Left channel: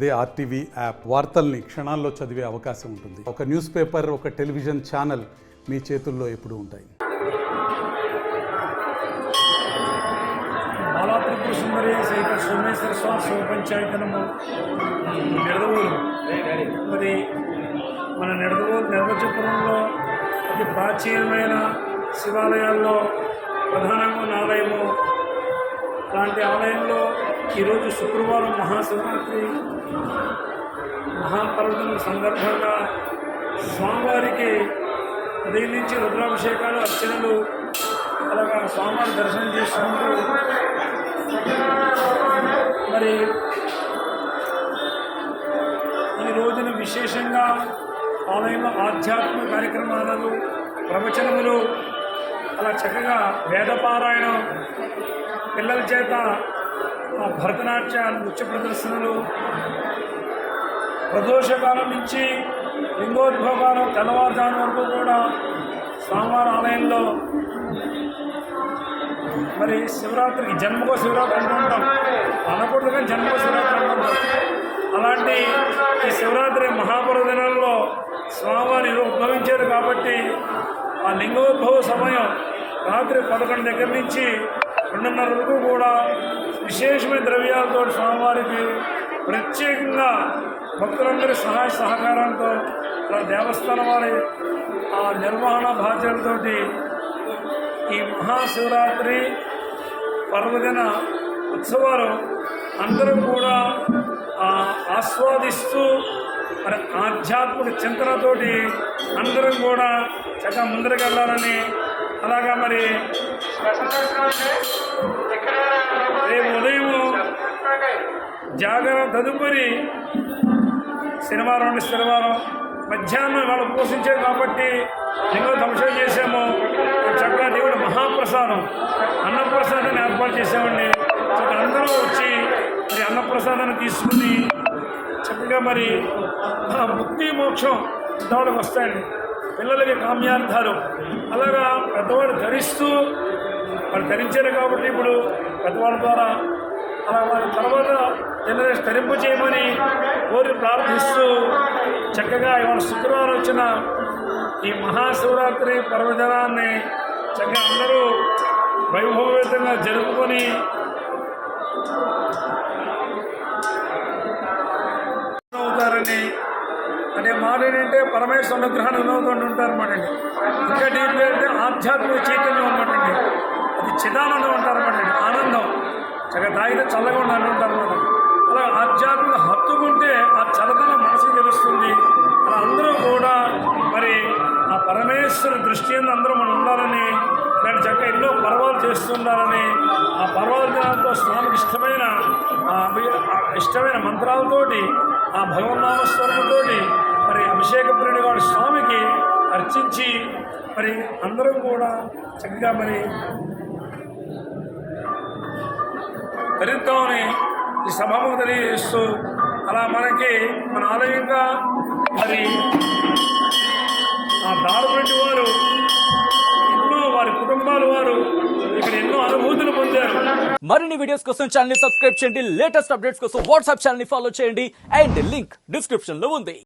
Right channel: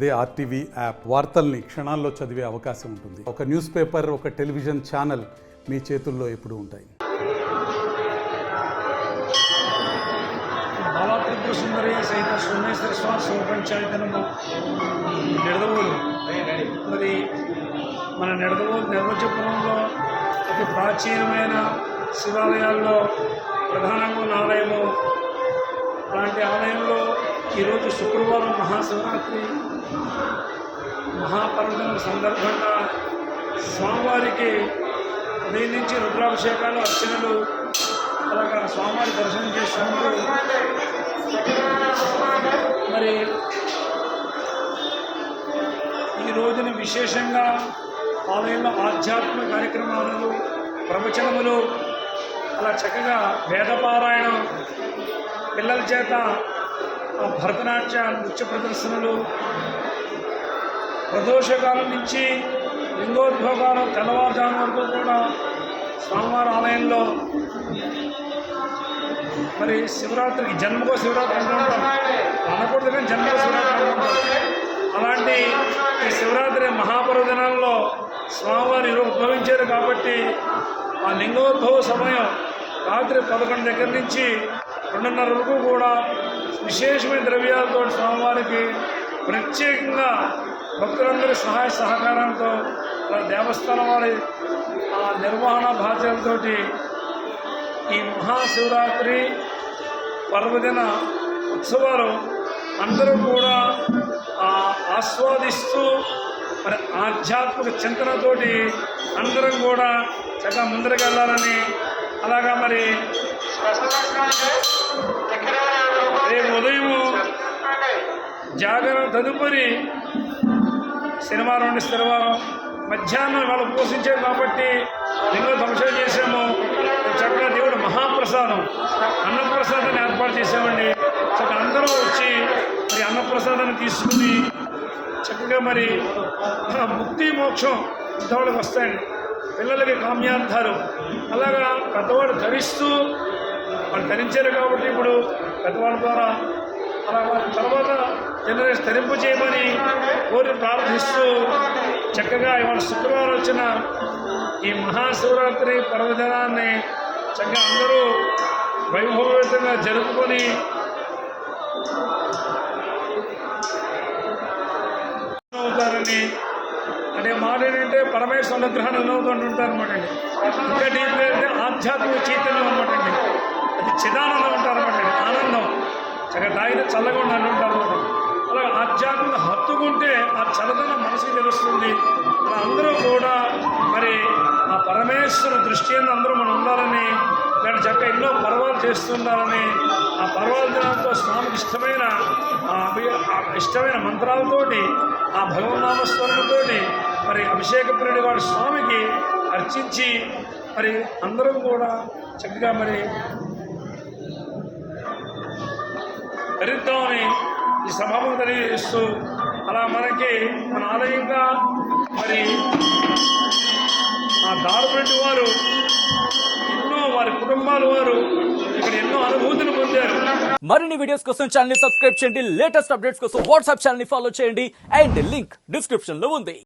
అదే RTV app వార్తల్ని క్షణాల్లో చదివే అవకాశం ఉంటుంది. ఒక న్యూస్ పేపర్, ఒక టెలివిజన్ ఛానల్ మీ చేతుల్లో ఎప్పుడూ ఉంటాయి. బాలా త్రిపుర సుందరి సహిత సోమేశ్వర స్వామి శివ పంచాయతనము నిడదవోలు. మరి మన నిడదవోలు నిర్వచపురంలో అతి ప్రాచీనమైన శివాలయాల్లో ప్రధానంగా ఉన్న ఆలయము. అలాంటి ఆలయంలో ఈరోజు శుక్రవారం మహాశివరాత్రి మహాపర్వదినం సందర్భంగా స్వామివారికి ఉదయం నుంచి రుద్రాభిషేకాలు, అర్చనలు, అలాగా స్వామివారి దర్శనం చేసుకుంటూ మరి ఈ రోజున విశేషంగా ఆలయంలో ఆధ్యాత్మిక కార్యక్రమాలు, ప్రవచనములు, అలా చక్కగా వేదపారాయణం, పిల్లల చేత భరతనాట్య నృత్య ప్రదర్శనలు, ప్రదోషకాలం నుంచి లింగోద్భోగాలు తెల్లవారుజాము వరకు కూడా స్వామివారి ఆలయంలో మరి శివరాత్రికి జన్మకో శివరాత్రి అంటూ ఉంటాం, అనకూడదు కానీ జన్మకో శివరాత్రి అంటూ ఉంటాం. అలాంటి ఈ శివరాత్రి మహాపర్వదినాల్లో స్వామివారి ఉద్భవించారు కాబట్టి ఆ లింగోద్భవ సమయం రాత్రి 11 దగ్గర నుంచి 2:30 వరకు కూడా విశేషమైన ద్రవ్యాలతో స్వామివారికి ప్రత్యేకంగా భక్తులందరి సహాయ సహకారంతో దేవస్థానం వారి ఆ నిర్వహణ బాధ్యతలతోటి ఈ మహాశివరాత్రి పర్వదిన ఉత్సవాలు అందరూ కూడా ఆస్వాదిస్తూ మరి ఆధ్యాత్మిక చింతనతోటి అందరం కూడా చక్కగా ముందరికి వెళ్ళాలని, అలాగా మరి రేపు ఉదయం జాగరణ తదుపరి శనివారం నుండి శనివారం మధ్యాహ్నం వాళ్ళు పోషించాం కాబట్టి లింగో ధ్వంసం చేసాము. చక్కగా దేవుడు మహాప్రసాదం అన్నప్రసాదాన్ని ఏర్పాటు చేసామండి. చక్కగా అందరూ వచ్చి మరి అన్నప్రసాదాన్ని తీసుకుని చక్కగా మరి ముక్తి మోక్షం పెద్దవాళ్ళకి వస్తాయండి. పిల్లలకి కామ్యార్థాలు అలాగా పెద్దవాళ్ళు ధరిస్తూ వాళ్ళు ధరించారు కాబట్టి ఇప్పుడు పెద్దవాళ్ళ ద్వారా అలా వారి తర్వాత జనరేషన్ ధరింపు చేయమని కోరి ప్రార్థిస్తూ చక్కగా ఇవాళ శుక్రవారం వచ్చిన ఈ మహాశివరాత్రి పర్వదినాన్ని చక్కగా అందరూ వైభవయుతంగా జరుపుకొని అవుతారని అంటే మాట ఏంటంటే పరమేశ్వర అనుగ్రహాన్ని వినవుతూ ఉంటారు అనమాట అండి. ఇంకా డీప్గా అంటే ఆధ్యాత్మిక చైతన్యం అనమాట అండి. అది చిదానందం అంటారన్నమాట అండి. ఆనందం చక్కగా తాగితే చల్లగా ఉండాలని ఉంటారు అనమాట. అలా ఆధ్యాత్మిక హత్తుకుంటే ఆ చల్లదనం మనసుకు తెలుస్తుంది. అలా అందరూ కూడా మరి ఆ పరమేశ్వర దృష్టి అందరూ మనం ఉండాలని, ఇలాంటి చక్కగా ఎన్నో పర్వాలు చేస్తుండాలని, ఆ పర్వాల దినాలతో స్వామికి ఇష్టమైన మంత్రాలతోటి ఆ భగవన్నామస్మరణతోటి మరి అభిషేక ప్రియుడి గారి స్వామికి అర్చించి మరి అందరం కూడా చక్కగా మరి ధరిద్దామని ఈ సభకు తెలియజేస్తూ అలా మనకి మన ఆలయంగా మరి ఆ దారుబట్టి వారు ఎన్నో వారి కుటుంబాల వారు ఇక్కడ ఎన్నో అనుభూతులు పొందారు. మరిన్ని వీడియోస్ కోసం ఛానల్ ని సబ్స్క్రైబ్ చేయండి. లేటెస్ట్ అప్డేట్స్ కోసం వాట్సాప్ ఛానల్ ని ఫాలో చేయండి. అండ్ లింక్ డిస్క్రిప్షన్ లో ఉంది.